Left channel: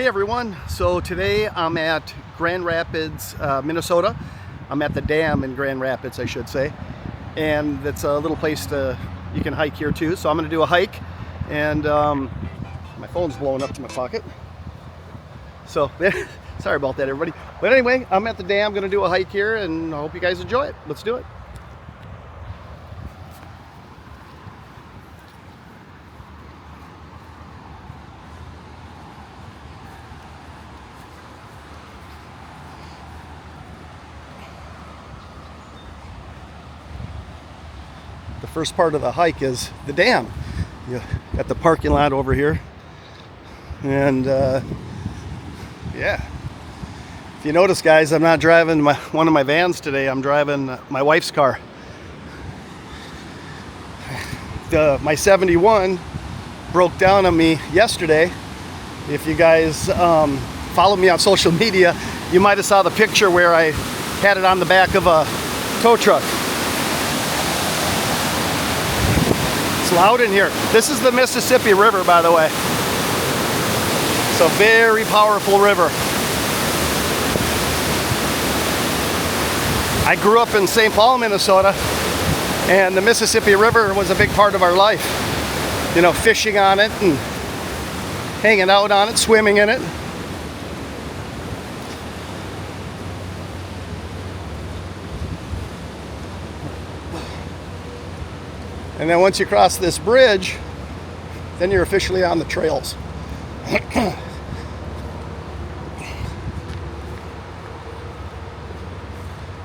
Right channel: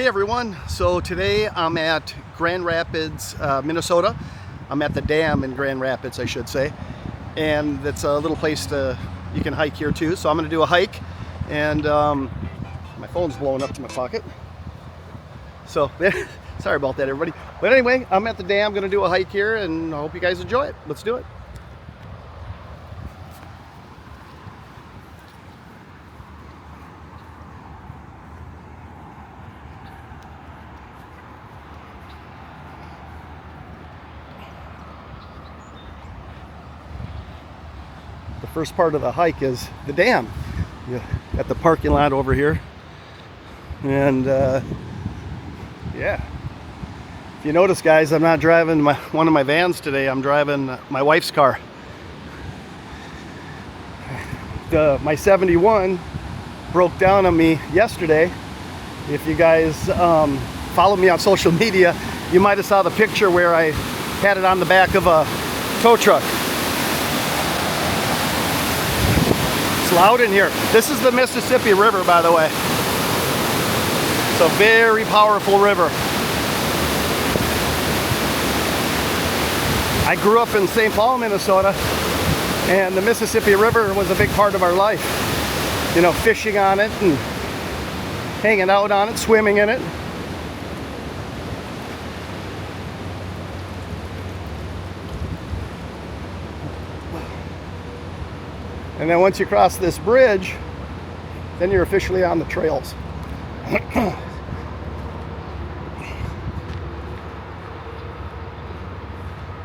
Hey everyone, so today I'm at Grand Rapids, Minnesota. I'm at the dam in Grand Rapids, I should say. And it's a little place you can hike here too. So I'm gonna do a hike and my phone's blowing up to my pocket. So sorry about that everybody. But anyway, I'm at the dam, gonna do a hike here and I hope you guys enjoy it. Let's do it. The first part of the hike is the dam. You got the parking lot over here, and yeah, if you notice guys, I'm not driving one of my vans today. I'm driving my wife's car. My 71 broke down on me yesterday. If you guys follow me on social media, you might have saw the picture where I had it on the back of a tow truck. It's loud in here. This is the Mississippi River, by the way. It's a very powerful river. I grew up in St. Paul, Minnesota, and the Mississippi River was a big part of our life. You know, fishing on it and hanging out on it, swimming in it. And then once you cross this bridge, then you're officially on the trails.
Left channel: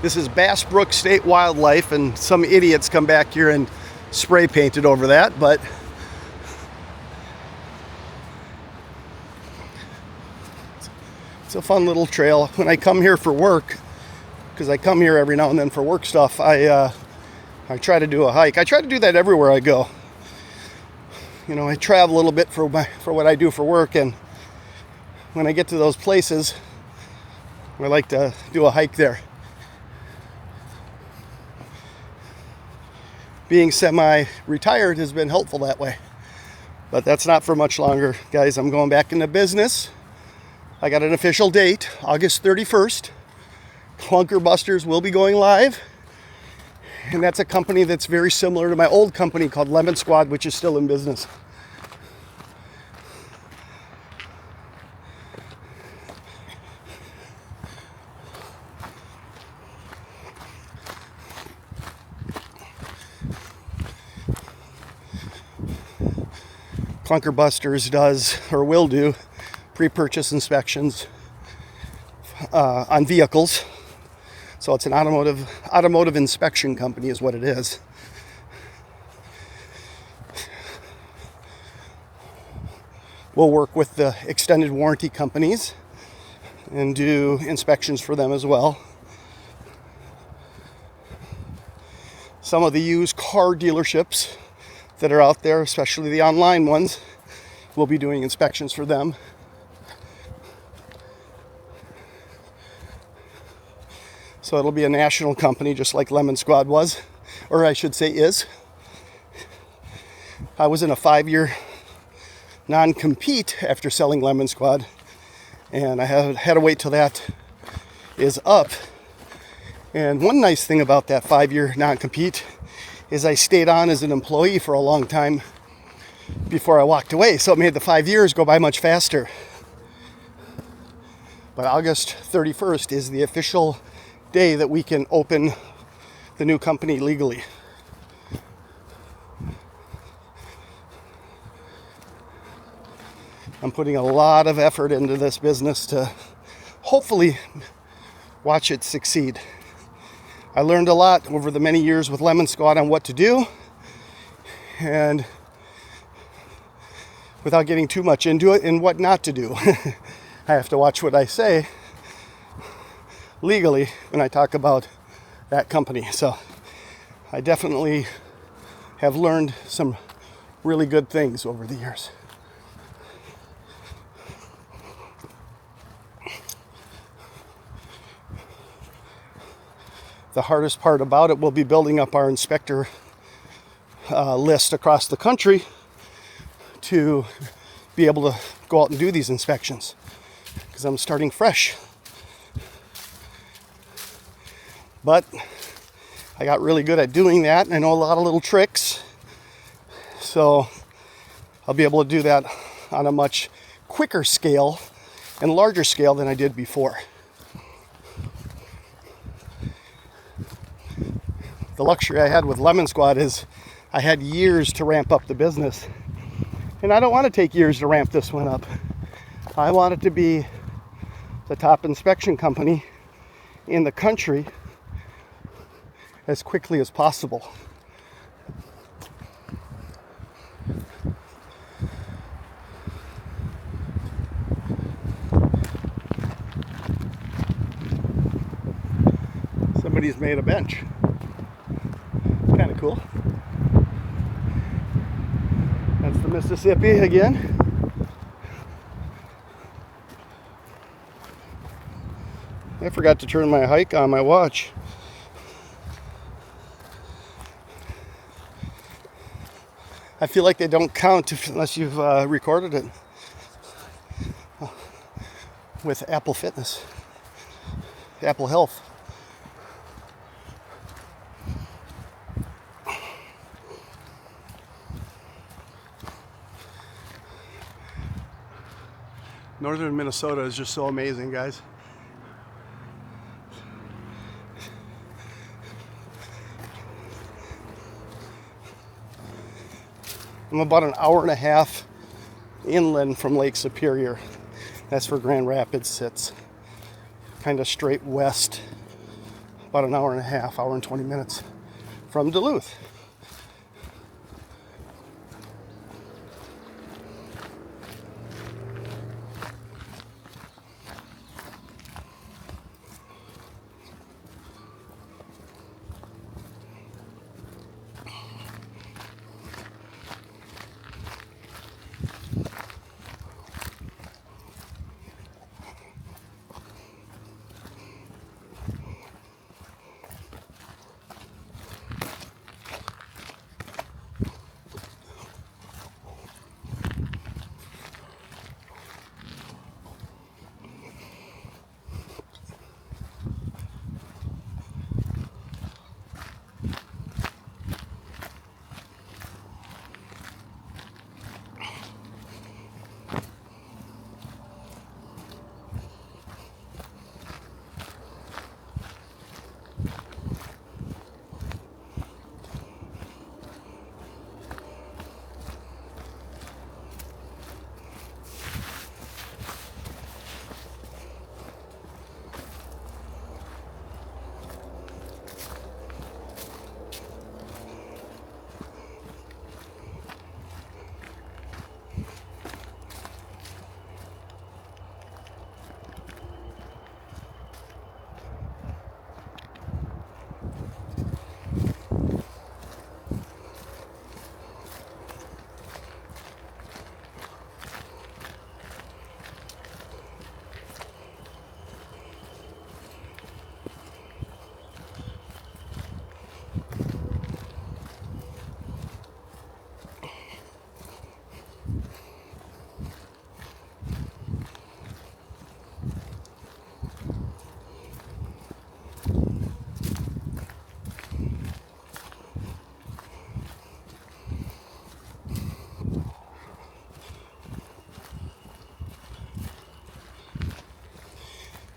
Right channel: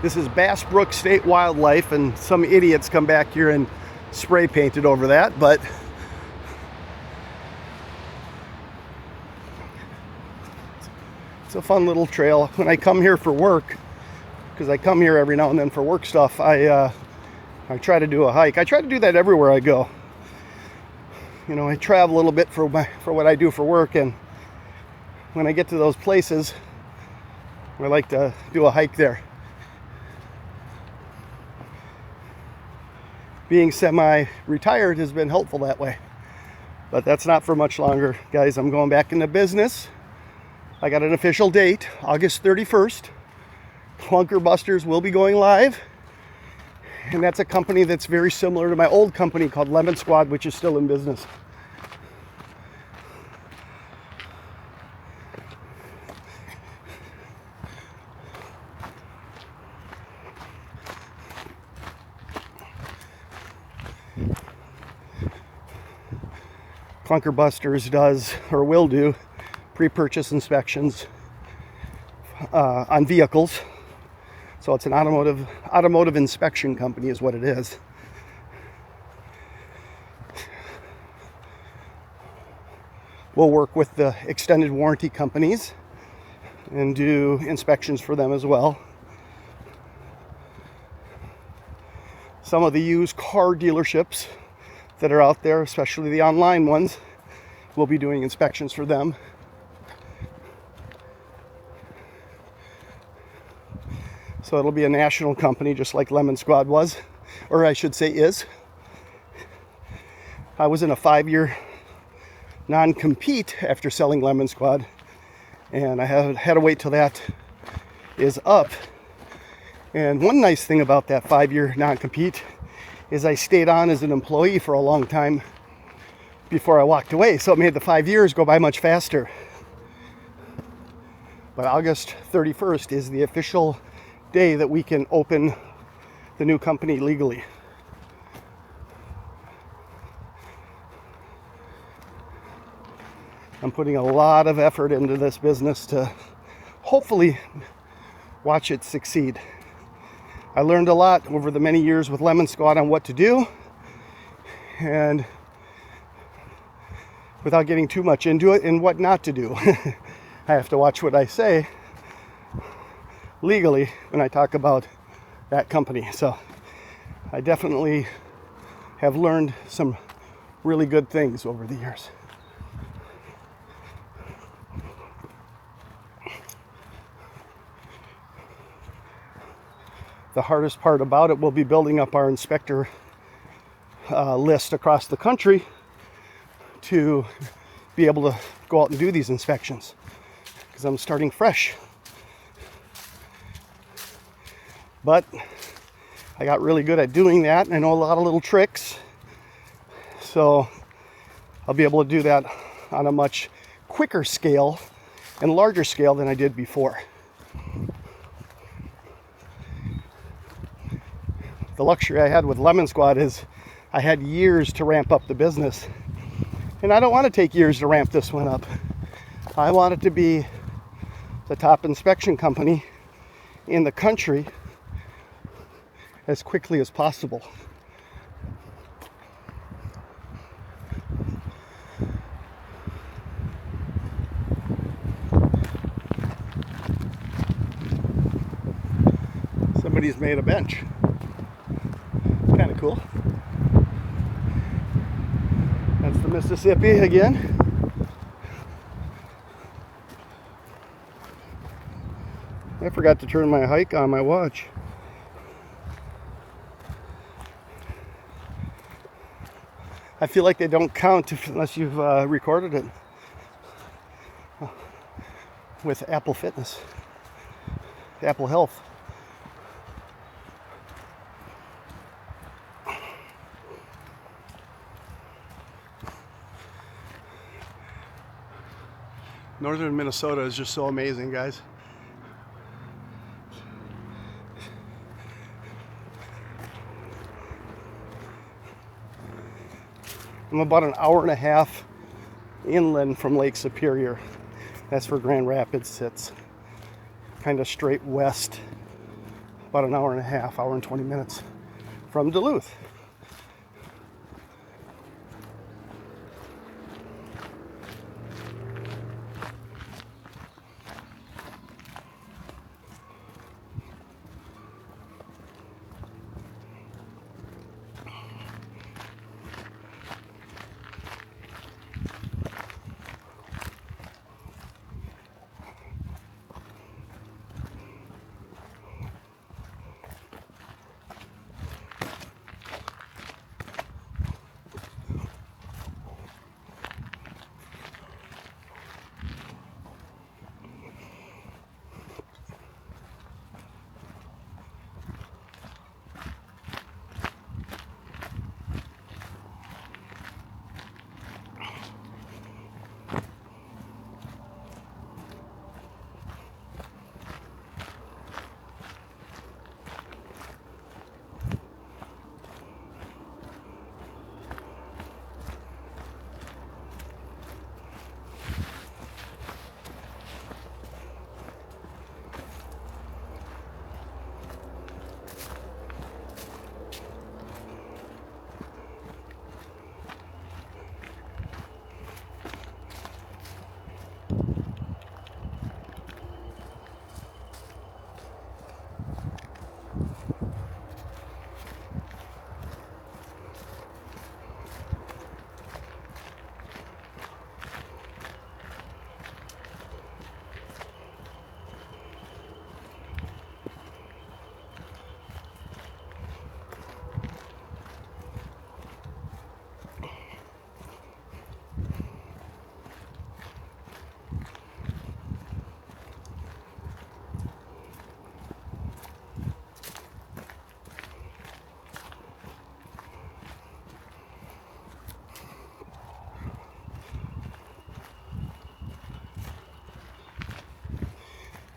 This is Bass Brook State Wildlife, and some idiots come back here and spray painted over that, but it's a fun little trail. When I come here for work, because I come here every now and then for work stuff, I try to do a hike. I try to do that everywhere I go. You know, I travel a little bit for what I do for work, and when I get to those places, I like to do a hike there. Being semi-retired has been helpful that way, but that's not for much longer, guys. I'm going back into business. I got an official date, August 31st. Clunker Busters will be going live. And that's a company that's very similar to my old company called Lemon Squad, which is still in business. Clunker Busters does, or will do, pre-purchase inspections on vehicles. So it's an automotive inspection company is what it is. We'll work with the extended warranty companies and do inspections for them as well. Some of the used car dealerships that are out there, especially the online ones, we'll be doing inspections for them. So it'll be a national company, just like Lemon Squad was, or I should say is. I was in a 5-year non-compete after selling Lemon Squad, and I had to wait till that is up. And one nice thing about that 5-year non-compete is I stayed on as an employee for a long time before I walked away, so it made the 5 years go by much faster. But August 31st is the official day that we can open the new company legally. I'm putting a lot of effort into this business to hopefully watch it succeed. I learned a lot over the many years with Lemon Squad on what to do, and without getting too much into it, and what not to do. I have to watch what I say legally when I talk about that company. So I definitely have learned some really good things over the years. The hardest part about it will be building up our inspector list across the country to be able to go out and do these inspections. because I'm starting fresh. But I got really good at doing that. I know a lot of little tricks. So I'll be able to do that on a much quicker scale and larger scale than I did before. The luxury I had with Lemon Squad is I had years to ramp up the business. And I don't want to take years to ramp this one up. I want it to be the top inspection company in the country as quickly as possible. Somebody's made a bench. Kind of cool. That's the Mississippi again. I forgot to turn my hike on my watch. I feel like they don't count unless you've recorded it with Apple Fitness, Apple Health. Northern Minnesota is just so amazing, guys. I'm about an hour and a half inland from Lake Superior. That's where Grand Rapids sits. Kind of straight west. About an hour and a half, hour and 20 minutes from Duluth.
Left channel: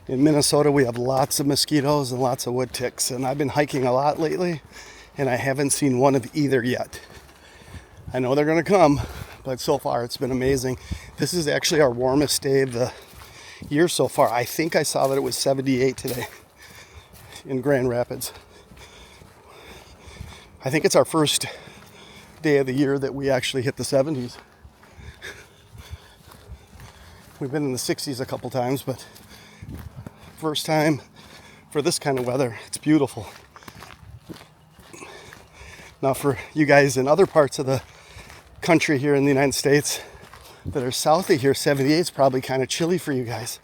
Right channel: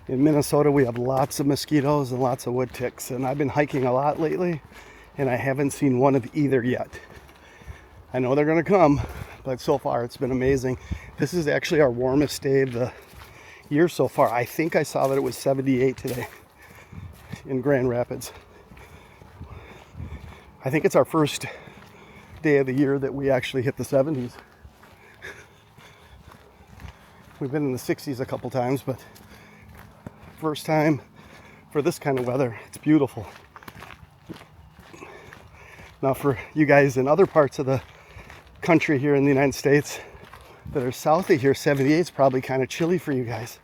In Minnesota, we have lots of mosquitoes and lots of wood ticks, and I've been hiking a lot lately, and I haven't seen one of either yet. I know they're going to come, but so far it's been amazing. This is actually our warmest day of the year so far. I think I saw that it was 78 today in Grand Rapids. I think it's our first day of the year that we actually hit the 70s. We've been in the 60s a couple times, but first time for this kind of weather. It's beautiful. Now for you guys in other parts of the country here in the United States that are south of here, 78 is probably kind of chilly for you guys.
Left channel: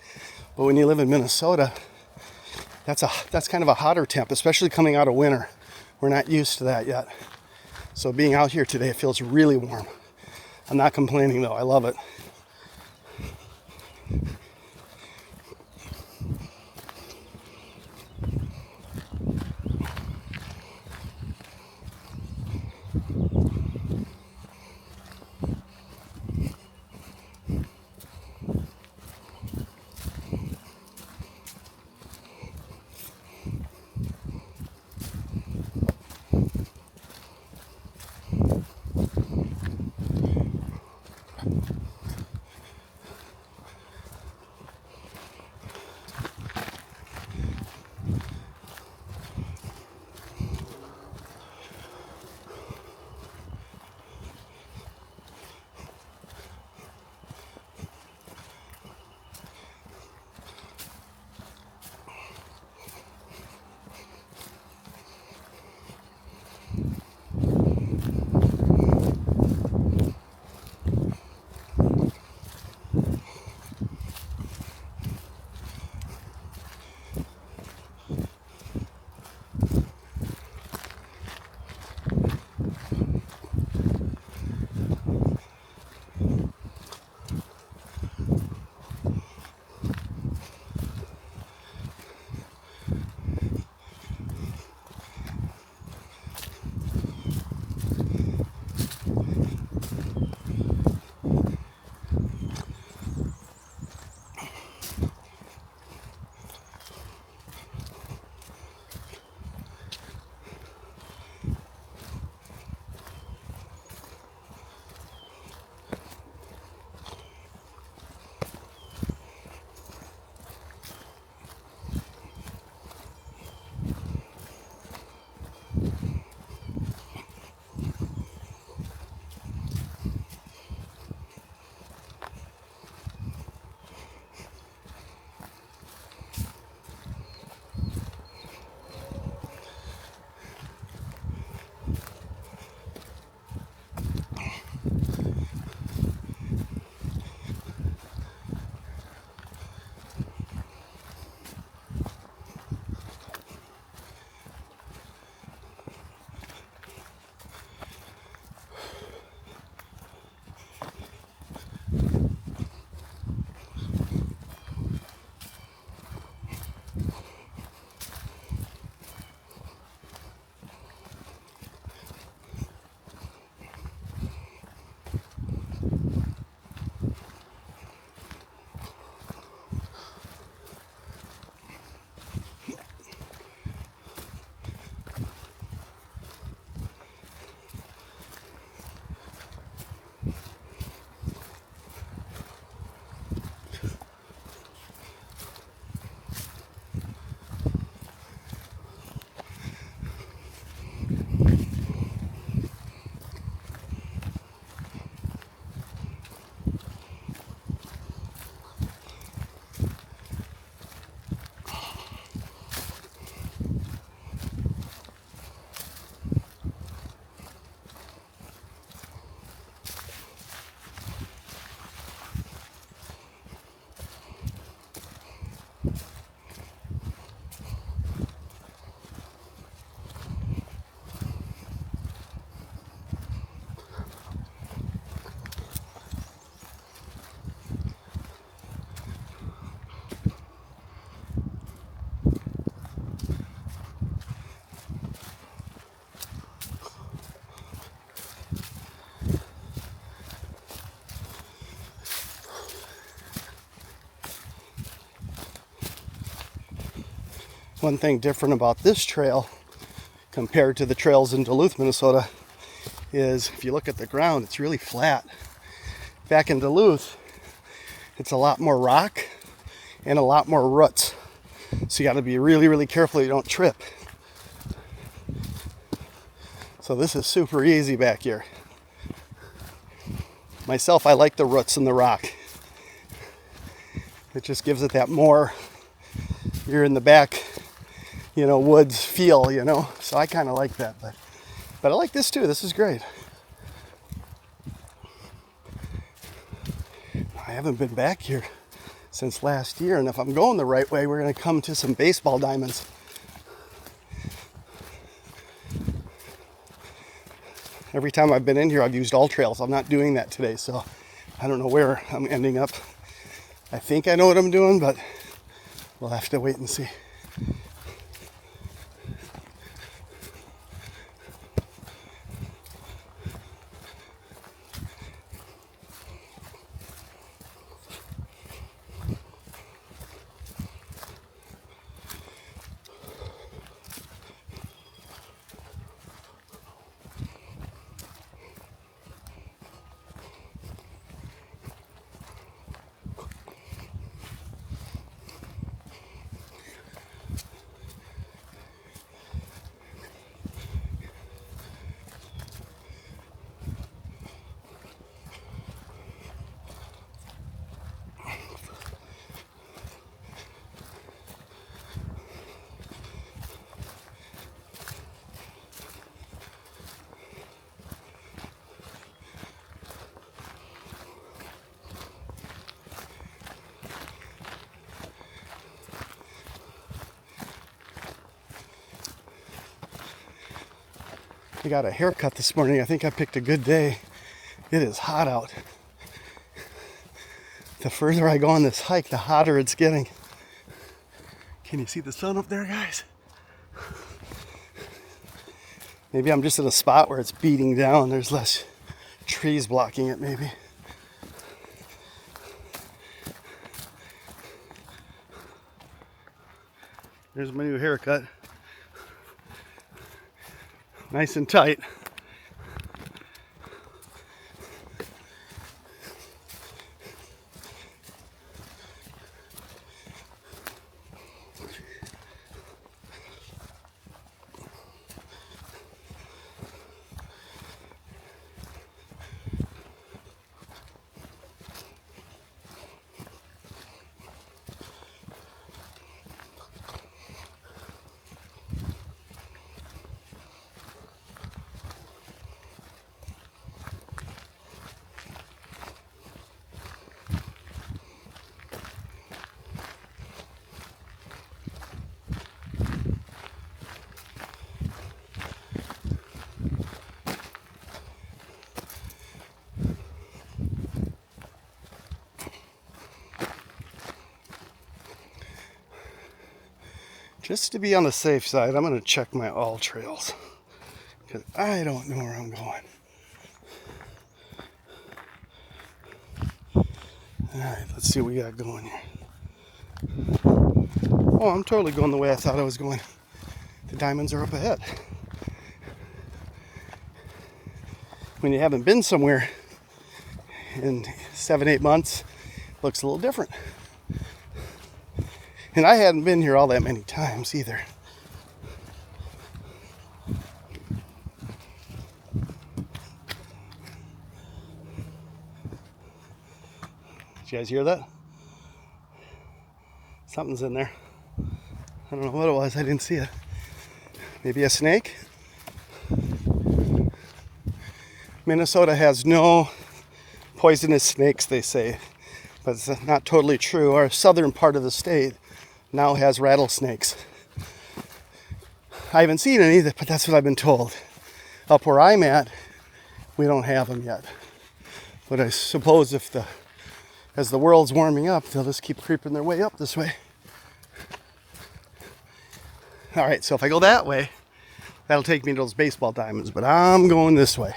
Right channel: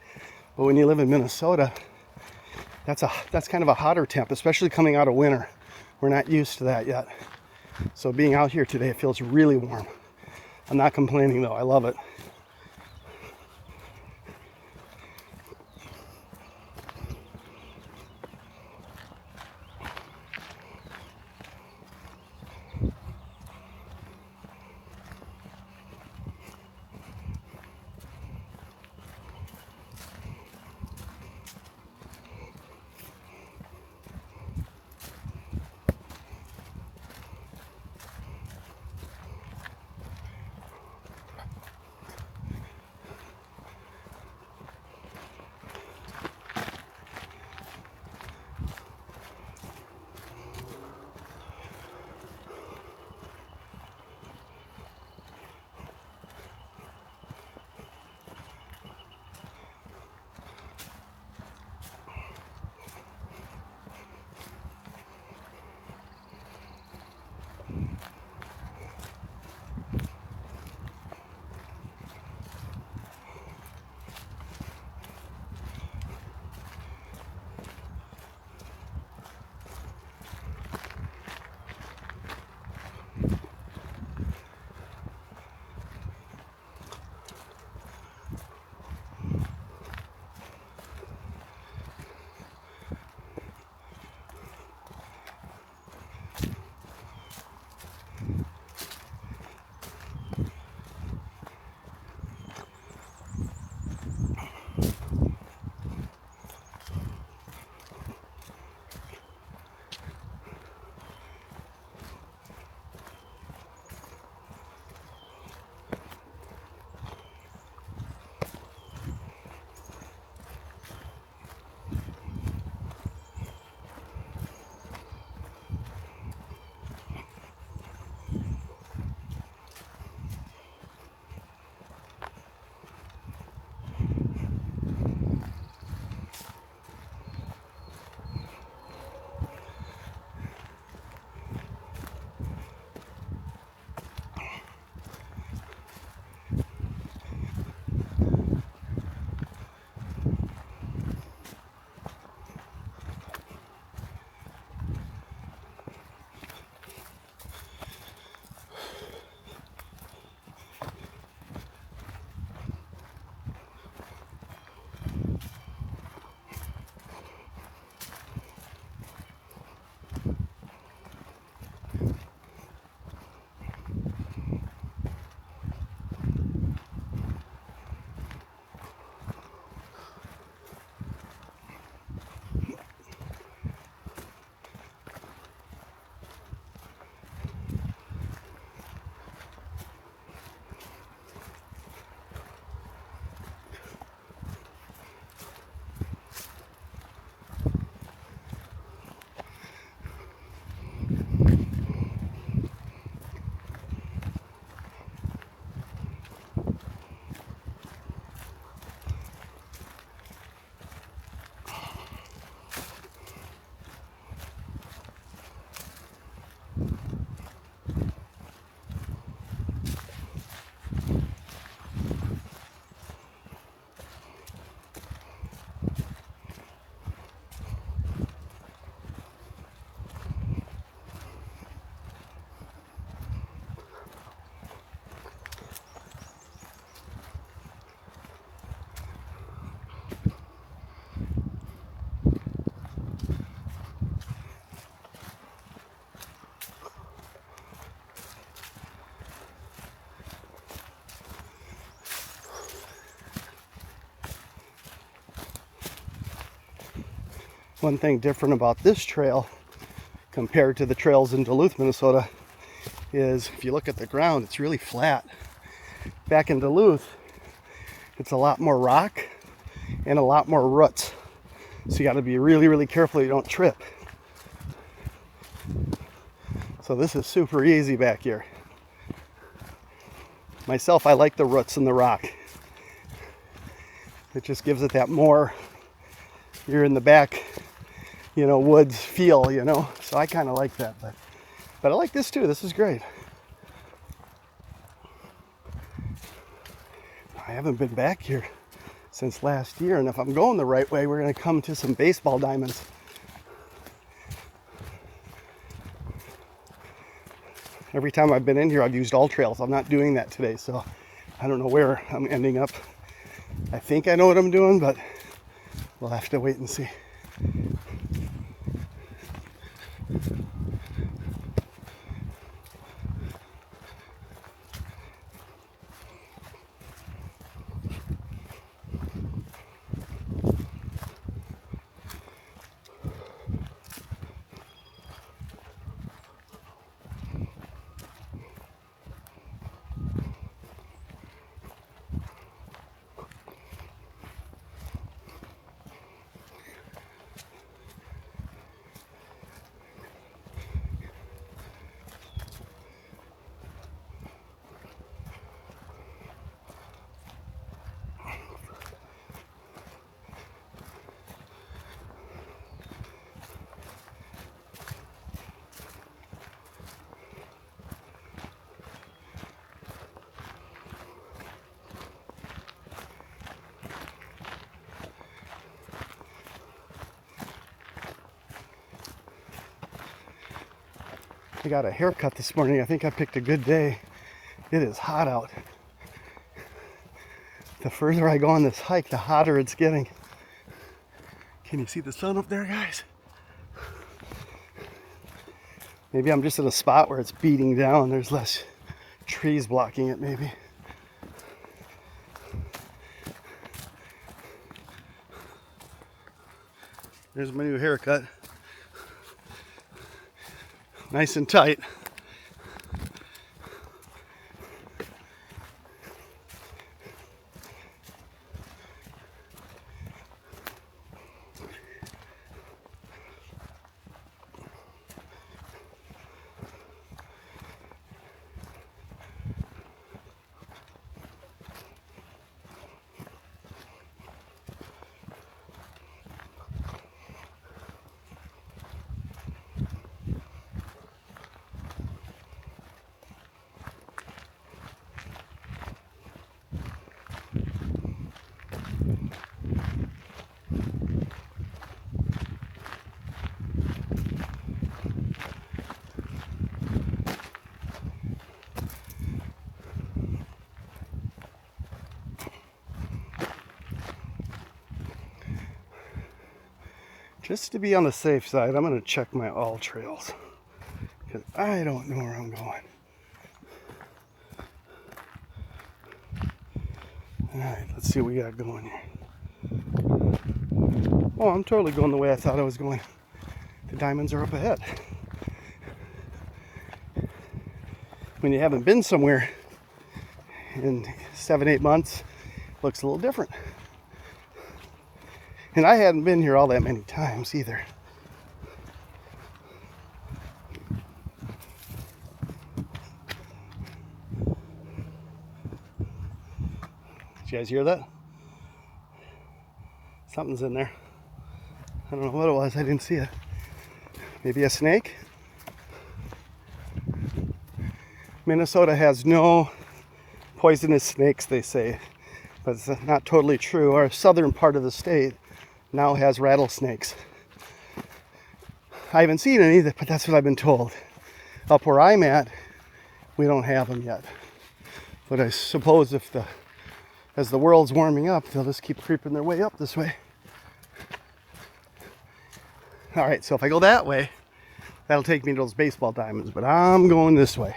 But when you live in Minnesota, that's kind of a hotter temp, especially coming out of winter. We're not used to that yet. So being out here today, it feels really warm. I'm not complaining though, I love it. One thing different about this trail compared to the trails in Duluth, Minnesota, is if you look at the ground, it's really flat. Back in Duluth, it's a lot more rock and a lot more roots. So you got to be really, really careful you don't trip. So this is super easy back here. Myself, I like the roots and the rock. It just gives it that more, you're in the back, you know, woods feel, you know. So I kind of like that. But I like this too. This is great. I haven't been back here since last year, and if I'm going the right way, we're going to come to some baseball diamonds. Every time I've been in here, I've used all trails. I'm not doing that today, so I don't know where I'm ending up. I think I know what I'm doing, but we'll have to wait and see. I got a haircut this morning. I think I picked a good day. It is hot out. The further I go on this hike, the hotter it's getting. Can you see the sun up there, guys? Maybe I'm just in a spot where it's beating down. There's less trees blocking it, maybe. There's my new haircut. Nice and tight. Just to be on the safe side, I'm going to check my all trails, because I don't know where I'm going. Alright, let's see what we got going here. Oh, I'm totally going the way I thought I was going. The diamonds are up ahead. When you haven't been somewhere in 7-8 months, it looks a little different. And I hadn't been here all that many times either. Did you guys hear that? Something's in there. I don't know what it was. I didn't see it. Maybe a snake? Minnesota has no poisonous snakes, they say. But it's not totally true. Our southern part of the state now has rattlesnakes. I haven't seen any, but that's what I've been told. Up where I'm at, we don't have them yet. But I suppose as the world's warming up, they'll just keep creeping their way up this way. All right, so if I go that way, that'll take me to those baseball diamonds, but I'm going this way.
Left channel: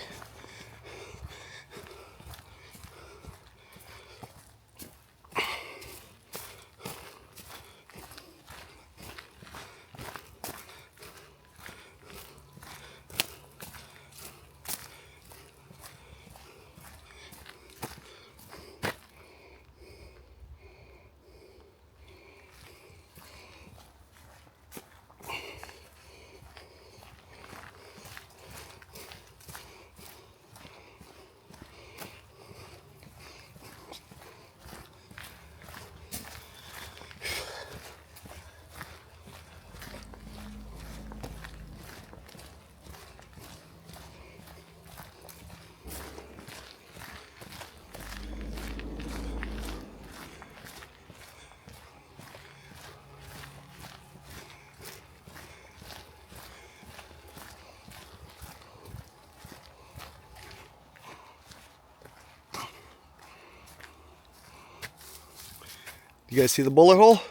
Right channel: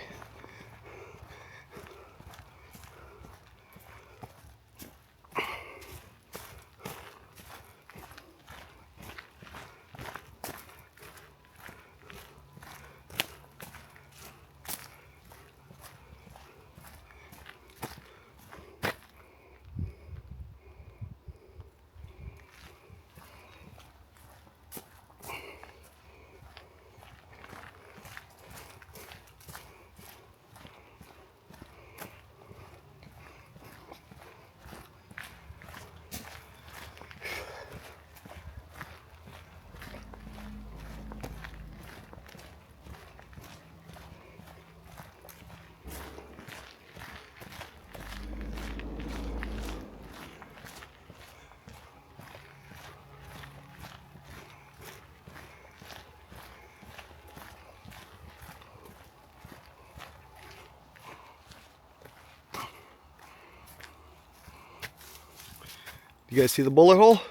You guys see the bullet hole?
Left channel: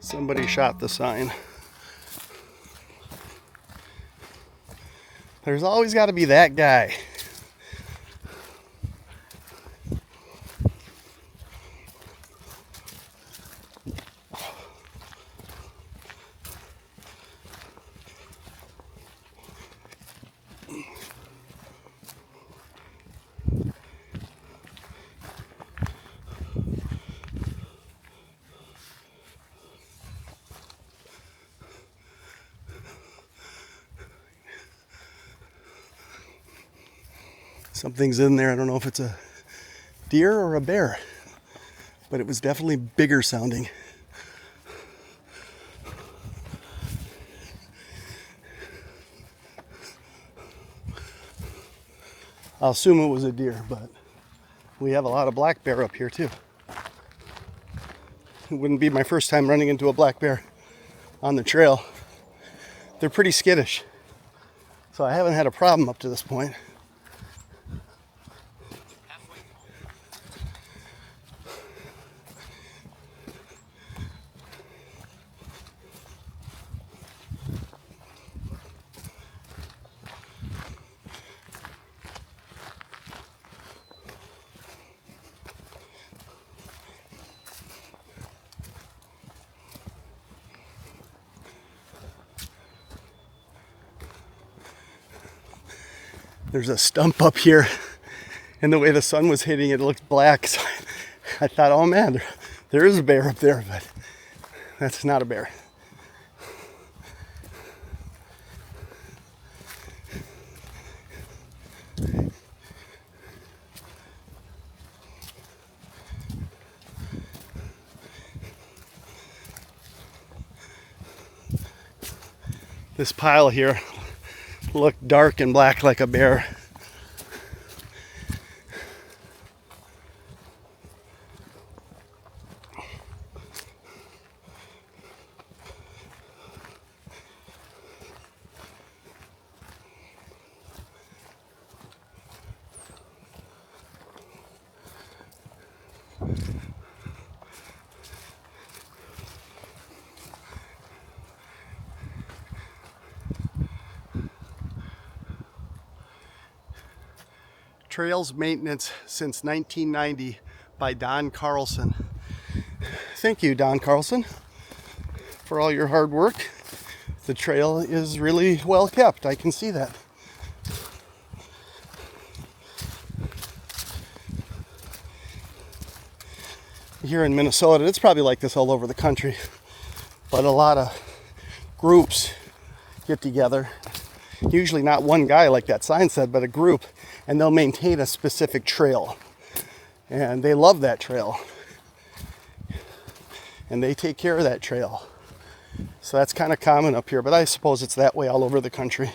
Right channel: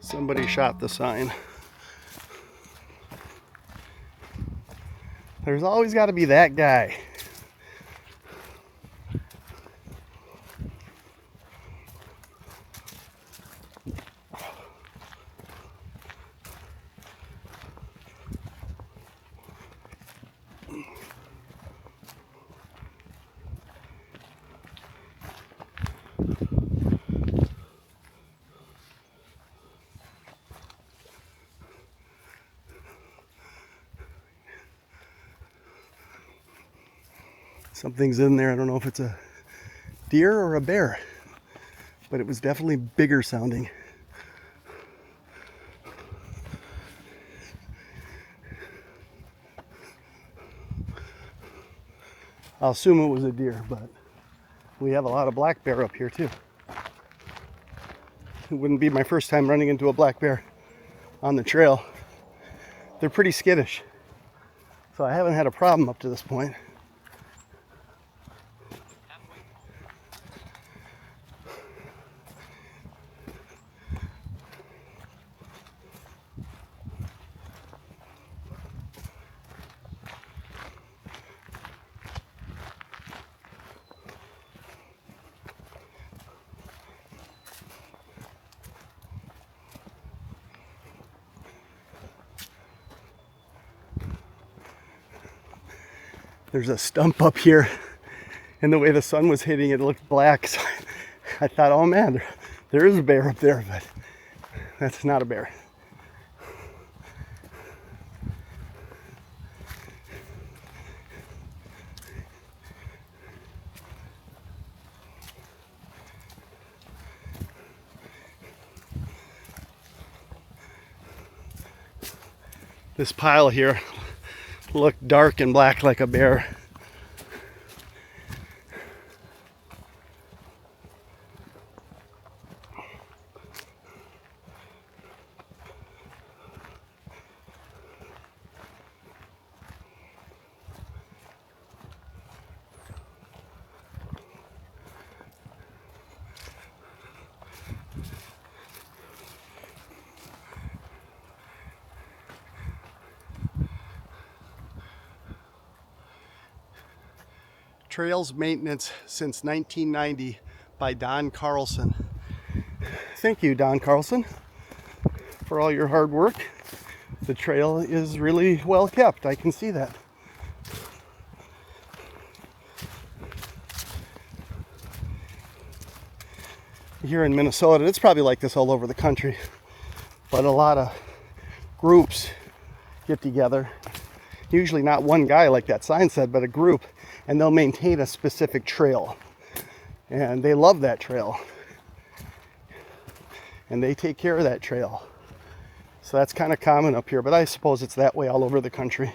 Somebody shot the sign. There's always got to be that guy. Something's in there. I don't know if it's a deer or a bear, but it was definitely bigger sounding. I'll assume it was a deer, but we have a lot of black bear up here too. It wouldn't be my first time running into a black bear on the trail. They're pretty skittish, so I haven't had a problem up to this point. There's a stump up here, and the way the sun was hitting it, it looked black. So I thought, oh man, there is a bear up there, but that's not a bear. This pile here looked dark and black like a bear. Trails maintenance since 1990 by Don Carlson. Thank you, Don Carlson, for all your hard work. The trail is really well kept. I can see that. Here in Minnesota, it's probably like this all over the country, but a lot of groups get together. Usually not one guy like that sign said, but a group, and they'll maintain a specific trail. And they love that trail. And they take care of that trail. So that's kind of common up here, but I suppose it's that way all over the country.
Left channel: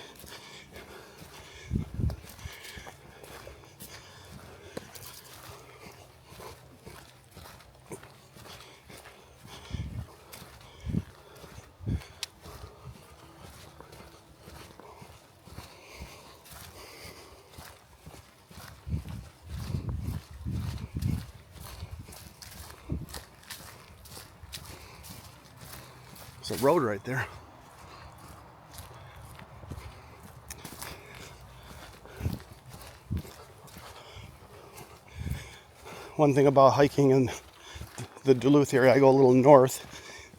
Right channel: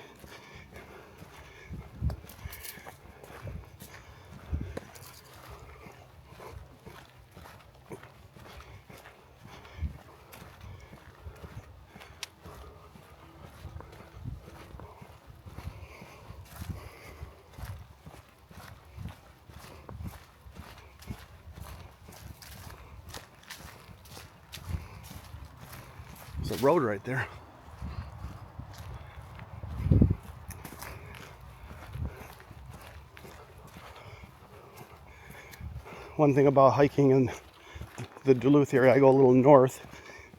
There's a road right there. One thing about hiking in the Duluth area, I go a little north.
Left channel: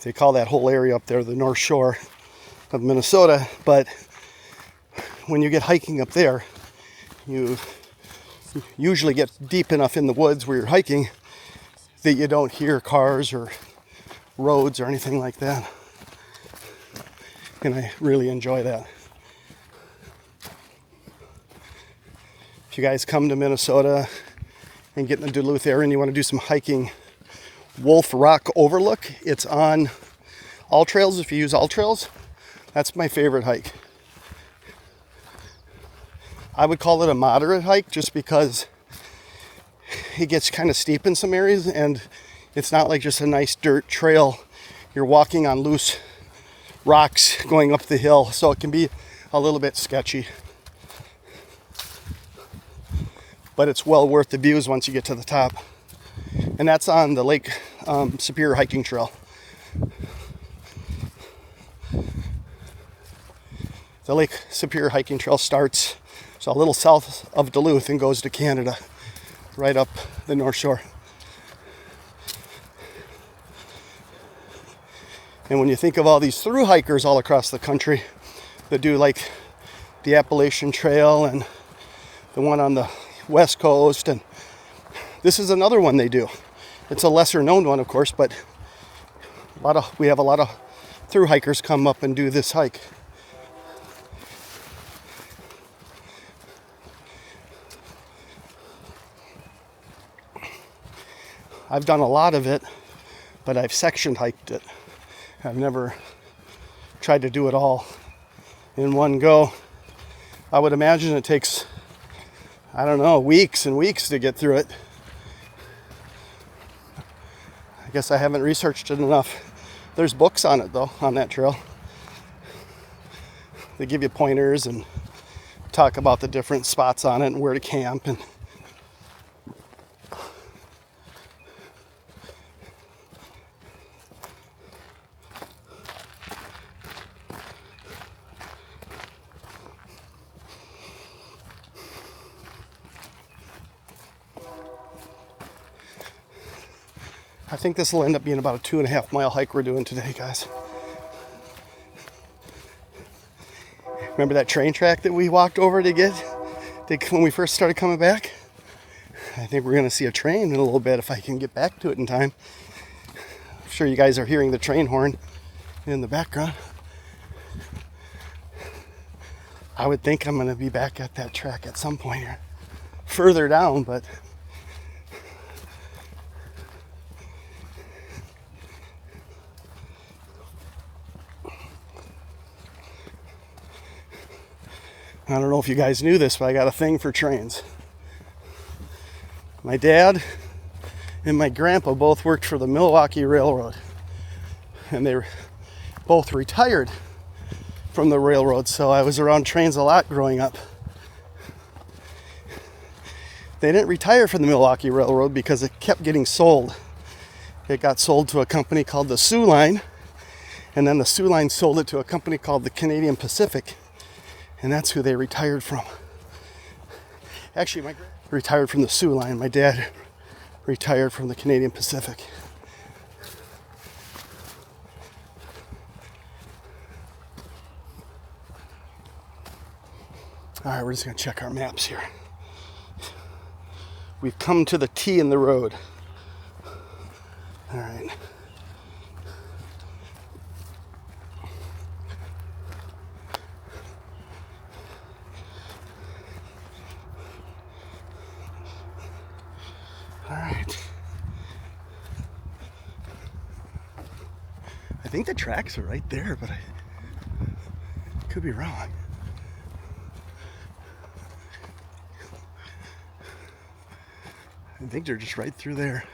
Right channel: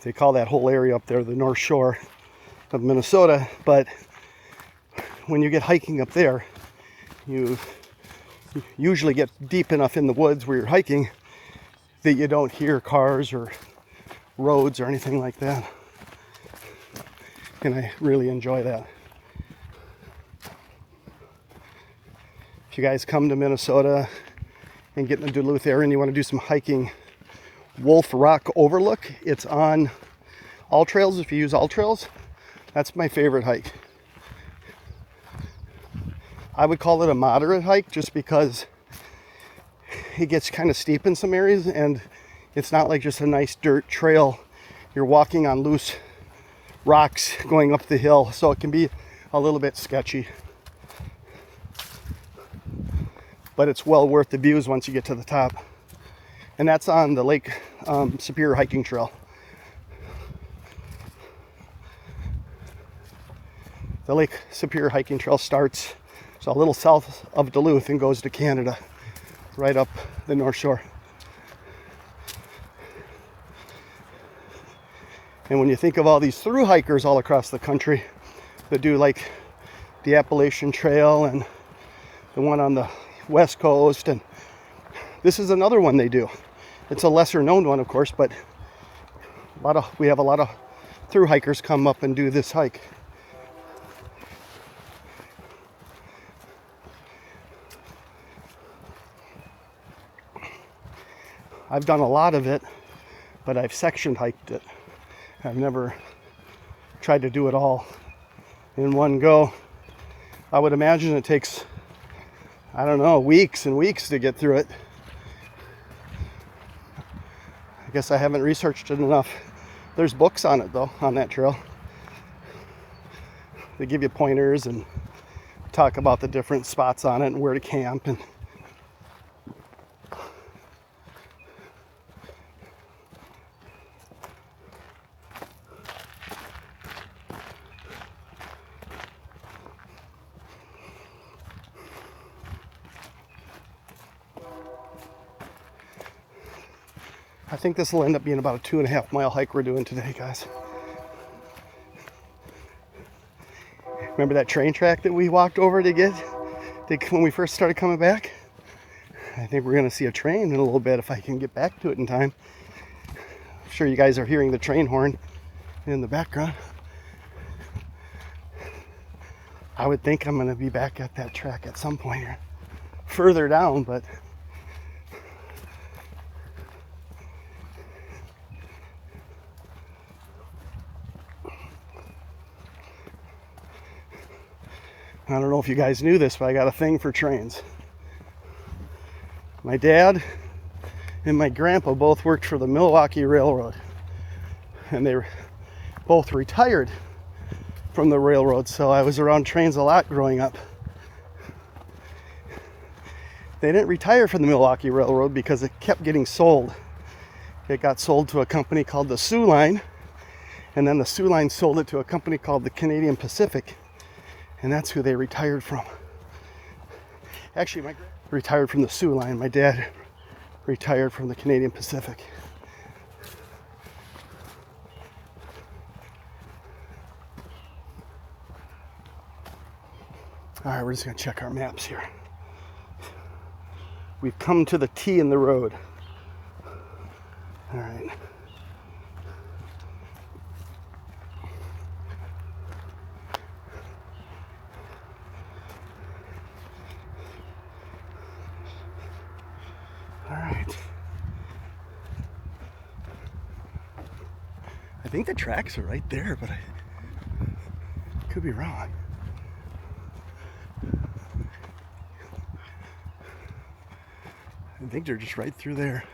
They call that whole area up there the North Shore of Minnesota. But when you get hiking up there, you usually get deep enough in the woods where you're hiking that you don't hear cars or roads or anything like that. And I really enjoy that. If you guys come to Minnesota and get in the Duluth area and you want to do some hiking, Wolf Rock Overlook, it's on all trails. If you use all trails, that's my favorite hike. I would call it a moderate hike just because it gets kind of steep in some areas, and it's not like just a nice dirt trail. You're walking on loose rocks going up the hill, so it can be a little bit sketchy. But it's well worth the views once you get to the top. And that's on the lake Superior Hiking Trail. The Lake Superior Hiking Trail starts a little south of Duluth and goes to Canada, right up the North Shore. And when you think of all these thru hikers all across the country that do like the Appalachian Trail and the one on the West Coast, and this is another one they do. It's a lesser known one, of course, but we have a lot of thru hikers come up and do this hike. I've done a lot of it, but I've section hiked it. I've never tried to do it all in one go. I would imagine it takes, I don't know, weeks and weeks to get through it. I guess I haven't researched it enough. There's books on it though, on that trail. They give you pointers and talk about the different spots on it and where to camp. And I think this will end up being about a 2.5 mile hike we're doing today, guys. Remember that train track that we walked over to get when we first started coming back? I think we're going to see a train in a little bit if I can get back to it in time. I'm sure you guys are hearing the train horn in the background. I would think I'm going to be back at that track at some point here. Further down, but I don't know if you guys knew this, but I got a thing for trains. My dad and my grandpa both worked for the Milwaukee Railroad, and they both retired from the railroad, so I was around trains a lot growing up. They didn't retire from the Milwaukee Railroad because it kept getting sold. It got sold to a company called the Sioux Line, and then the Sioux Line sold it to a company called the Canadian Pacific. And that's who they retired from. Actually, my dad retired from the Sioux Line. My dad retired from the Canadian Pacific. All right, we're just gonna check our maps here. We've come to the T in the road. All right. All right. I think the tracks are right there, but I could be wrong. I think they're just right through there.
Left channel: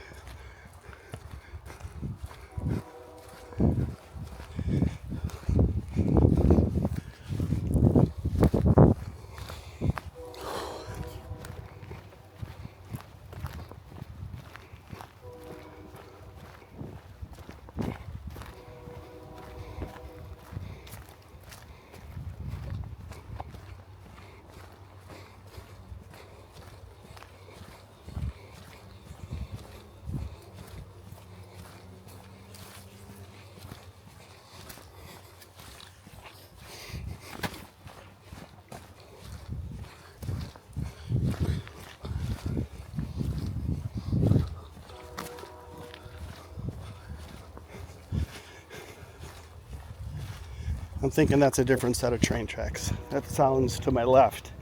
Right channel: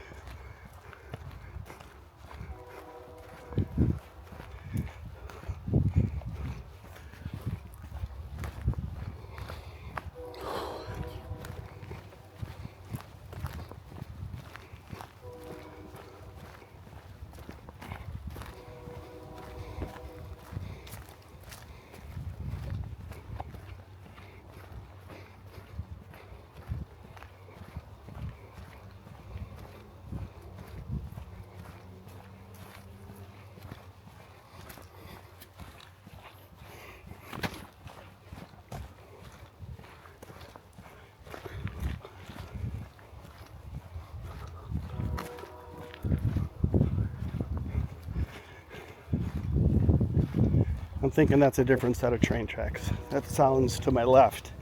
I'm thinking that's a different set of train tracks. That sounds to my left,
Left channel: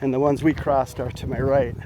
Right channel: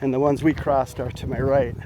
and the ones we crossed are to my right.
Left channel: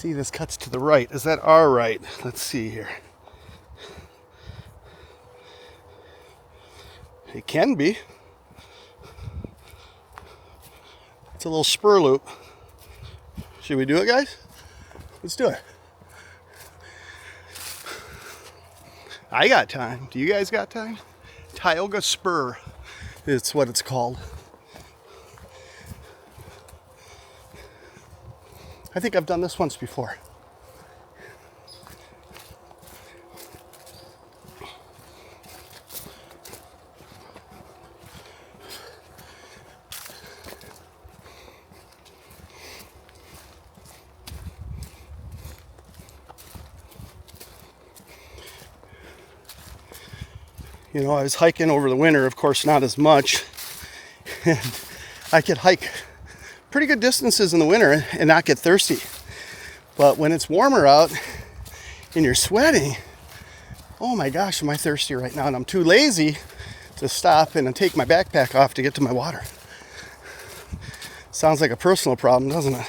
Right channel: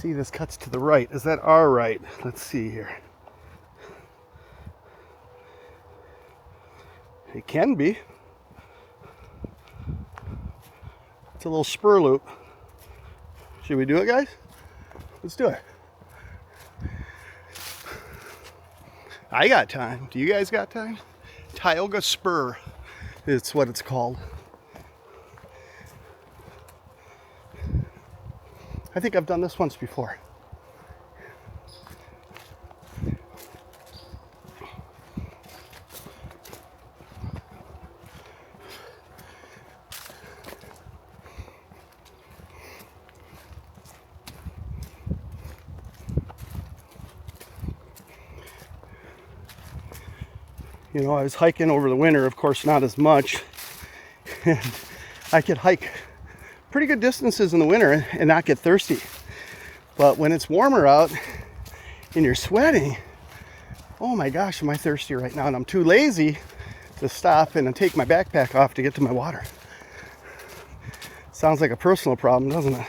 see this cuts to the right. Is that our right? Let's see here. It can be. It's a little spur loop. Should we do it, guys? Let's do it. I got time. Do you guys got time? 𝐼𝐸𝐵𝐵 Spur. It's what it's called. I think I've done this once before. You know, I was hiking over the winter, of course not as much. And I could hike pretty good distances in the winter and not get thirsty. But when it's warmer out and you're sweating, oh my gosh, am I thirsty right now? And I'm too lazy to stop and take my backpack off to get to my water. Sounds like a personal problem, doesn't it?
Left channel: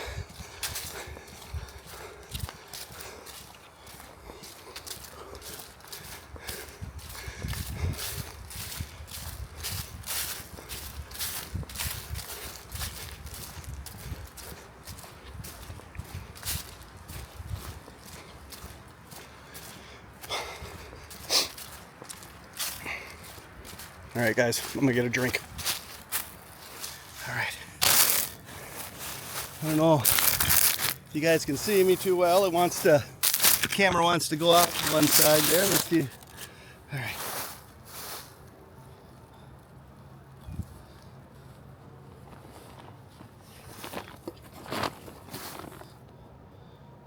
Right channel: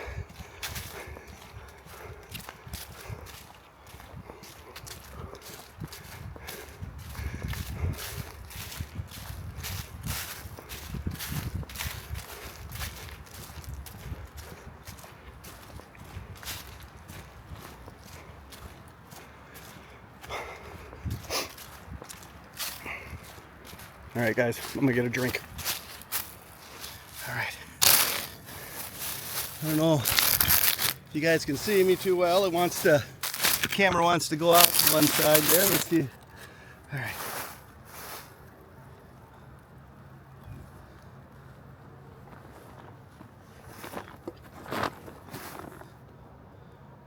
All right, guys, I'm gonna get a drink. All right. I don't know if you guys can see me too well. The camera wants to go out to one side there. Let's see. All right.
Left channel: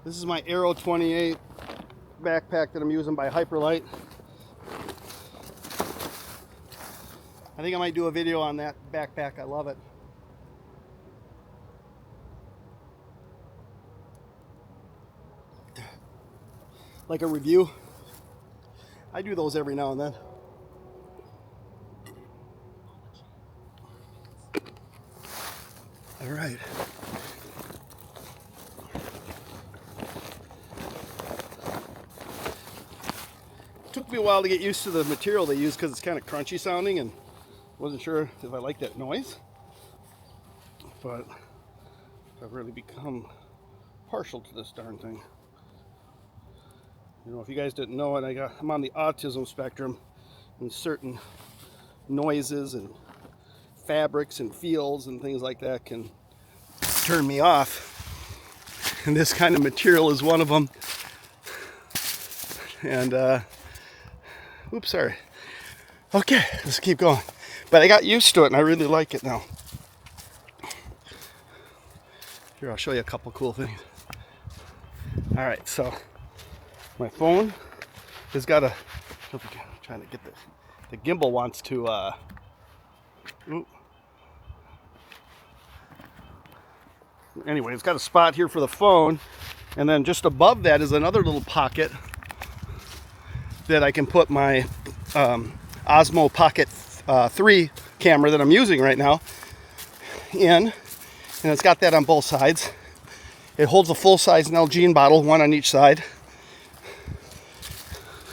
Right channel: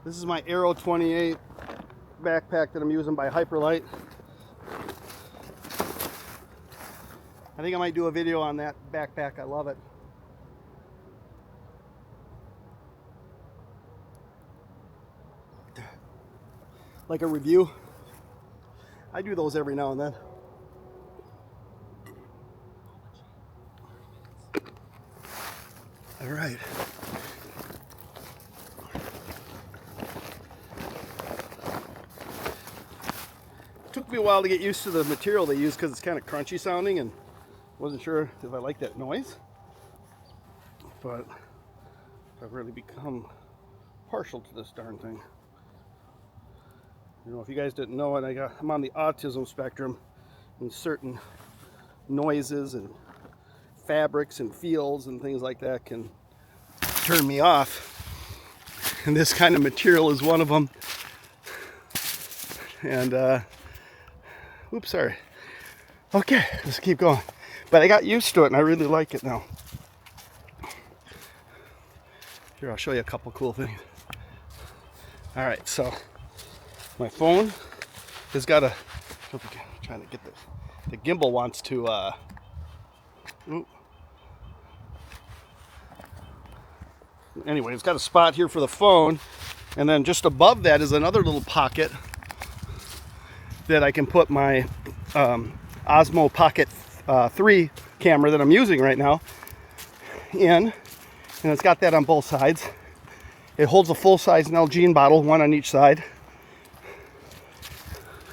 This is my 𝐸𝐻28 backpack that I'm using by Hyperlite. I think I might do a video on that backpack. I love it. Like a review. I do those every now and then. All right. Took me a while to get used to the material they use because it's kind of crunchy sounding, and wasn't sure if I like that noise, but I've really become partial to this darn thing. You know, if you guys didn't know it, I'm on the autism spectrum, and certain noises and fabrics and feels and things like that can turn me off. And this kind of material is one of them. And, oops, sorry. Okay, let's keep going. But I got used to it and I really like it now. Here, I'll show you a couple cool things. All right, so my phone has got a, I'm trying to get this. The gimbal wants to, anyway, it's got a spot here for the phone. And then just above that is another little pocket that I can put my Osmo Pocket 3 camera that I'm using right now in, and it's got that on both sides. It holds a full-size 𝐬𝐮𝐬𝐜 bottle, one on each side,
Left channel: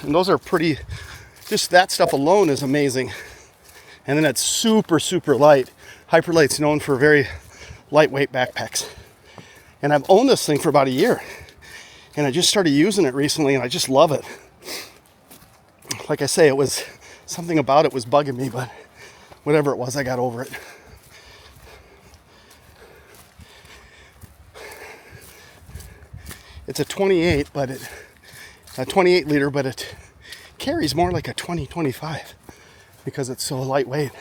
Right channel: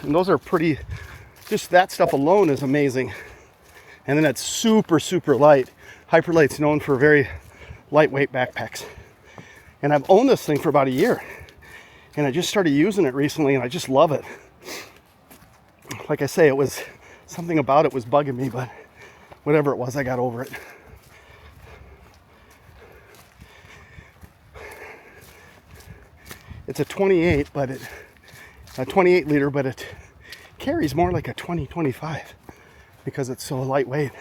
and those are pretty, just that stuff alone is amazing. And then it's super light. Hyperlite's known for very lightweight backpacks, and I've owned this thing for about a year, and I just started using it recently and I just love it. Like I say, it was something about it was bugging me, but whatever it was, I got over it. It's a 28, but a 28 liter, but it carries more like a 20-25 because it's so lightweight.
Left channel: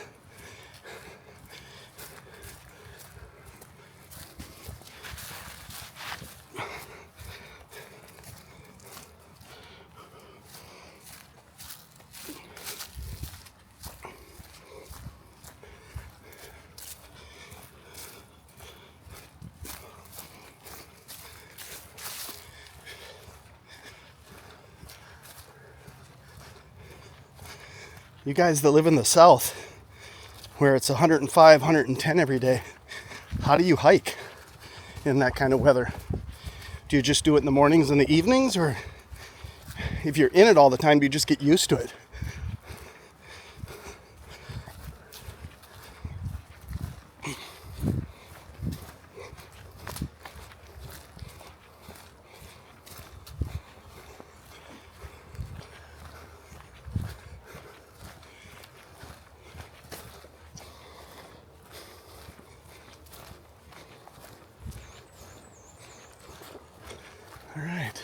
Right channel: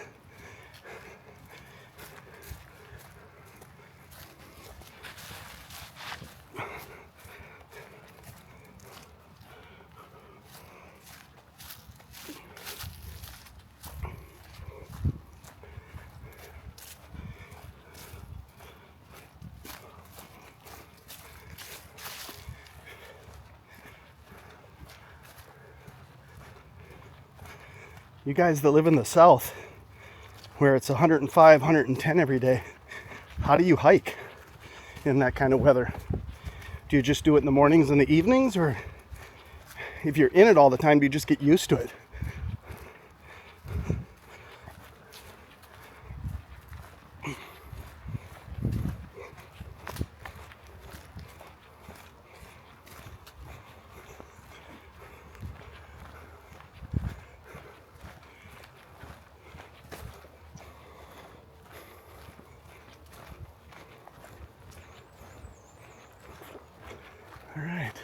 You guys that live in the South, where it's 105, 110 every day, how do you hike in that kind of weather? Do you just do it in the mornings and the evenings, or if you're in it all the time, do you just get used to it? All right.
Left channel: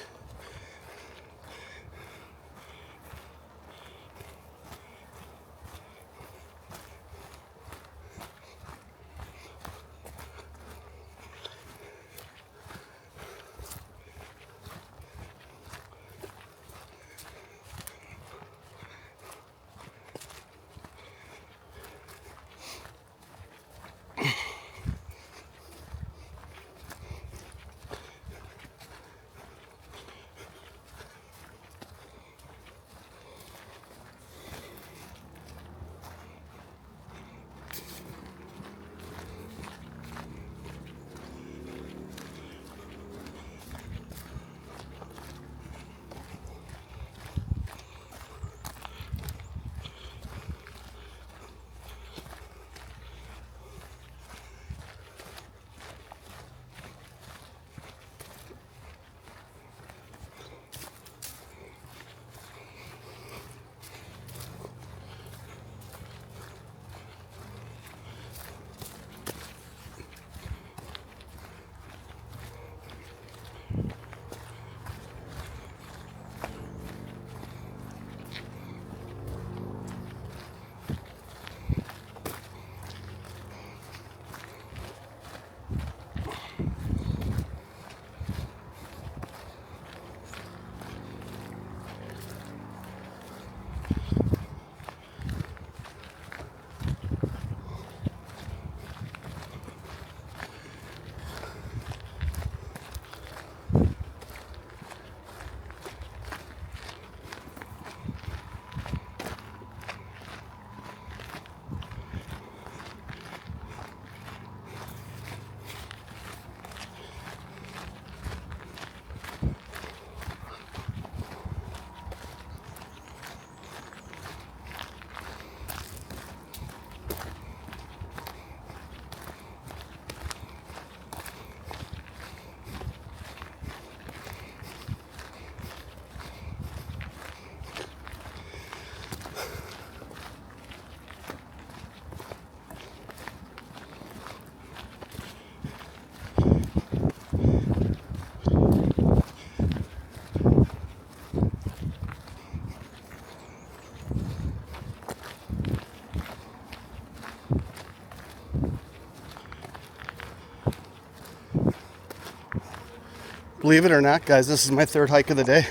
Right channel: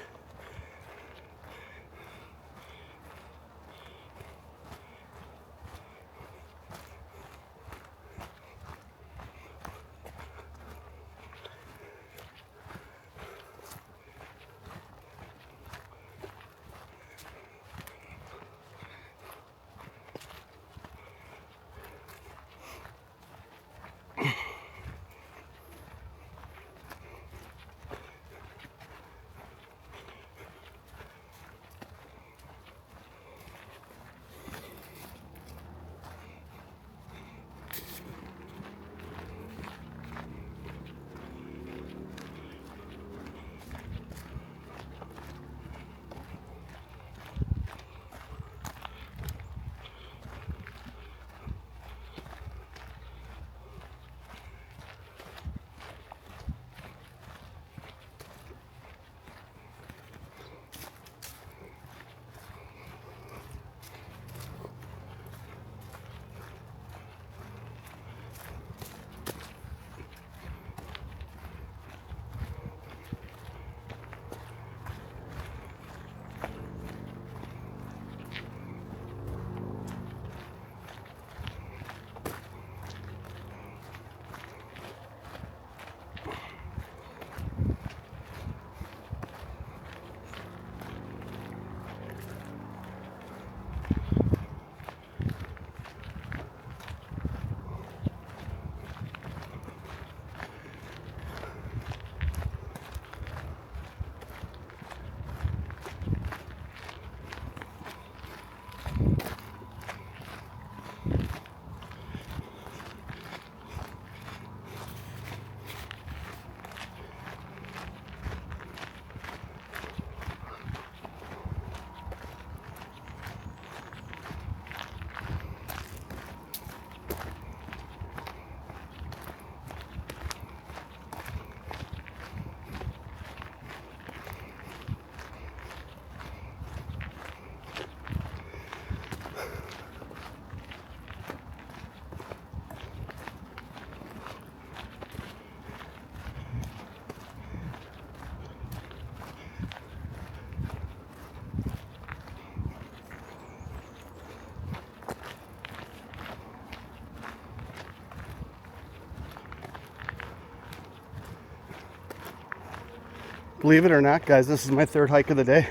Believe it or not, guys, this is my third hike of the day.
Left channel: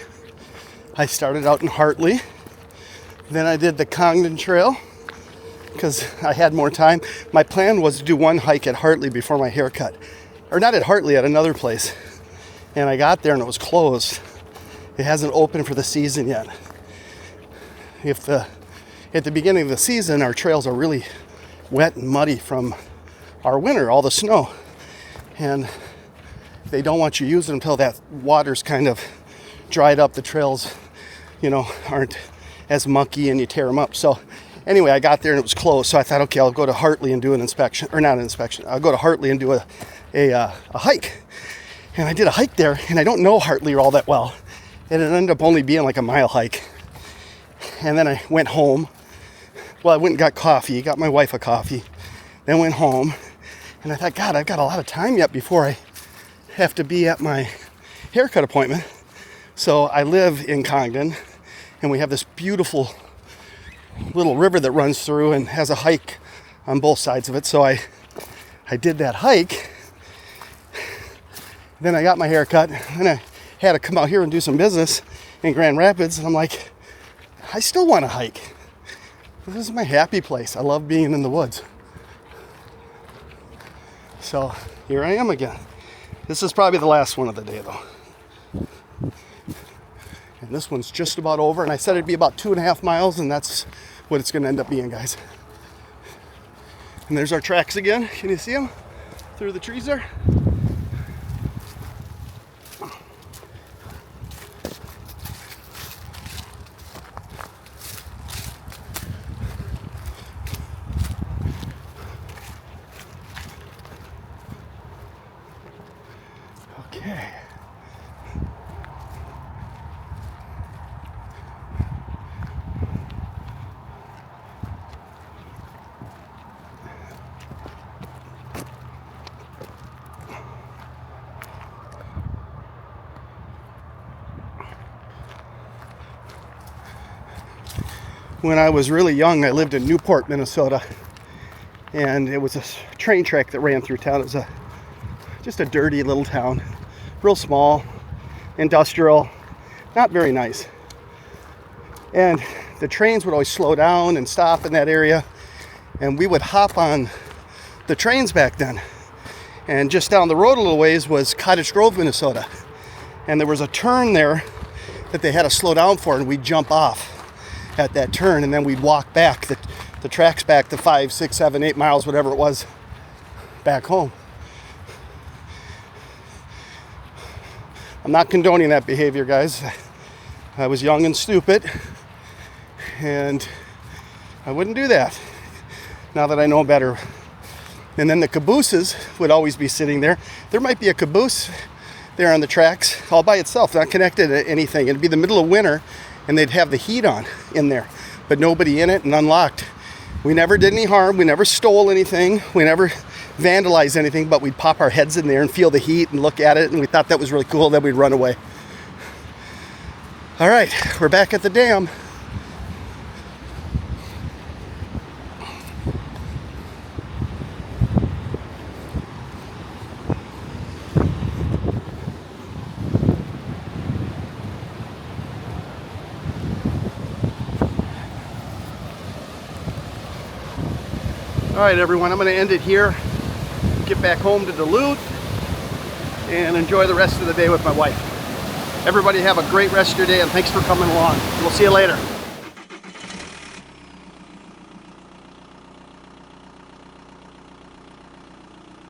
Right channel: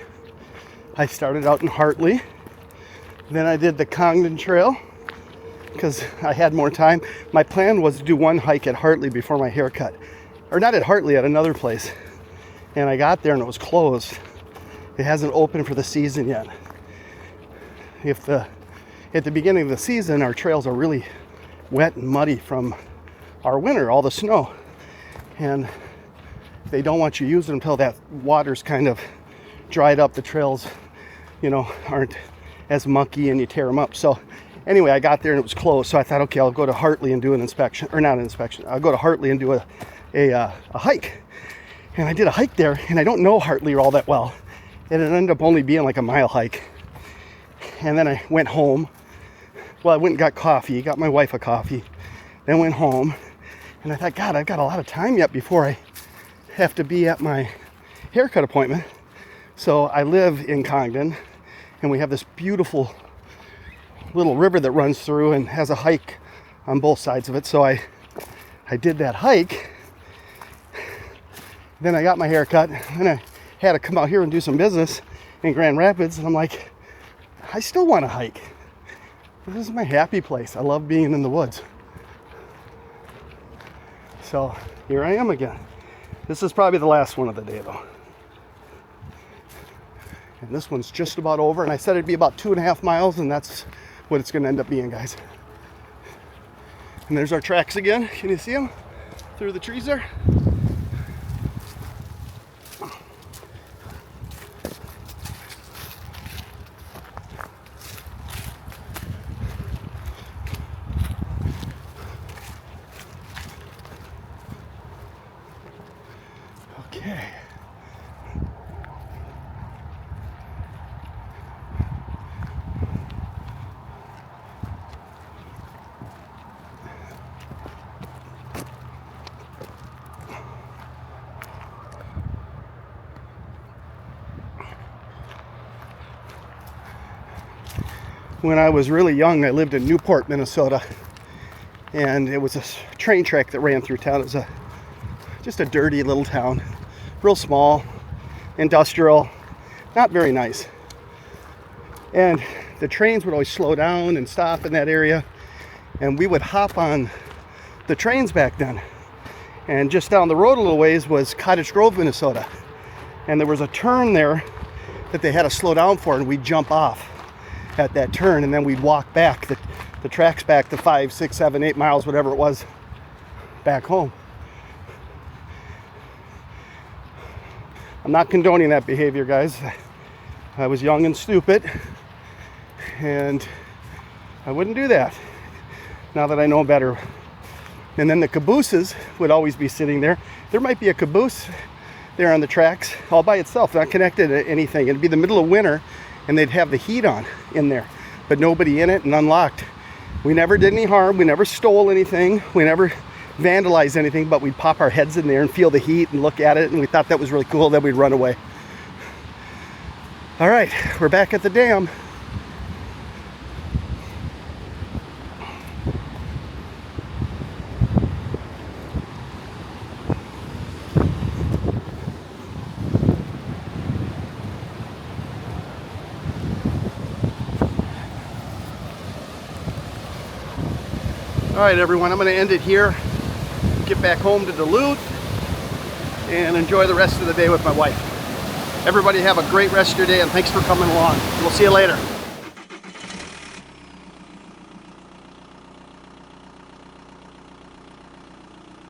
I started out in Hartley, then I did the 𝐃𝐨𝐧'𝐭 Trail because I had more time. My plan was to do one hike at Hartley before my haircut, or not at Hartley, at another place. And I got there and it was closed. It hasn't opened for the season yet. At the beginning of the season, our trails are really wet and muddy from our winter, all the snow. And they don't want you using them until that water's kind of dried up. The trails, you know, aren't as mucky and you tear them up. So anyway, I got there and it was closed. So I thought, okay, I'll go to Hartley and do an inspection, or not an inspection. I'll go to Hartley and do a hike. And I did a hike there, and I don't know Hartley all that well. And it ended up only being like a mile hike. And then I went home. Well, I went and got coffee, got my wife a coffee, then went home. And I thought, God, I've got a lot of time yet before I have to be at my haircut appointment. So I live in 𝐾𝐭, and we have this beautiful little river that runs through and has a hike on both sides of it. So I did that hike. Then I got my haircut, and I had to come out here and do some business in Grand Rapids. And I'm like, I still want to hike. This is my happy place. I love being in the woods. So here I am again. This is probably the last one of the day though. And this one's just about over, and I said it'd be about 2.5 miles, and that's what it's gonna end up being, guys. And there's our tracks again. Can you see them through the trees there? Okay. When I was really young, I lived in Newport, Minnesota, and it was a train track that ran through town. It was just a dirty little town, real small, industrial, not very nice. And the trains would always slow down and stop in that area, and we would hop on the trains back then. And just down the road a little ways was Cottage Grove, Minnesota, and there was a turn there that they had to slow down for, and we'd jump off at that turn, and then we'd walk back the tracks back to 5, 6, 7, 8 miles, whatever it was, back home. I'm not condoning that behavior, guys. I was young and stupid, and I wouldn't do that now that I know better. And then the cabooses would always be sitting there. There might be a caboose there on the tracks all by itself, not connected to anything. It'd be the middle of winter, and they'd have the heat on in there, but nobody in it and unlocked. We never did any harm. We never stole anything. We never vandalized anything, but we'd pop our heads in there and feel the heat and look at it, and we thought that was really cool. Then we'd run away. All right, we're back at the dam. All right, everyone, I'm going to end it here, get back home to Duluth, and enjoy the rest of the day with my wife. Everybody have a great rest of your day, and thanks for coming along. We'll see you later.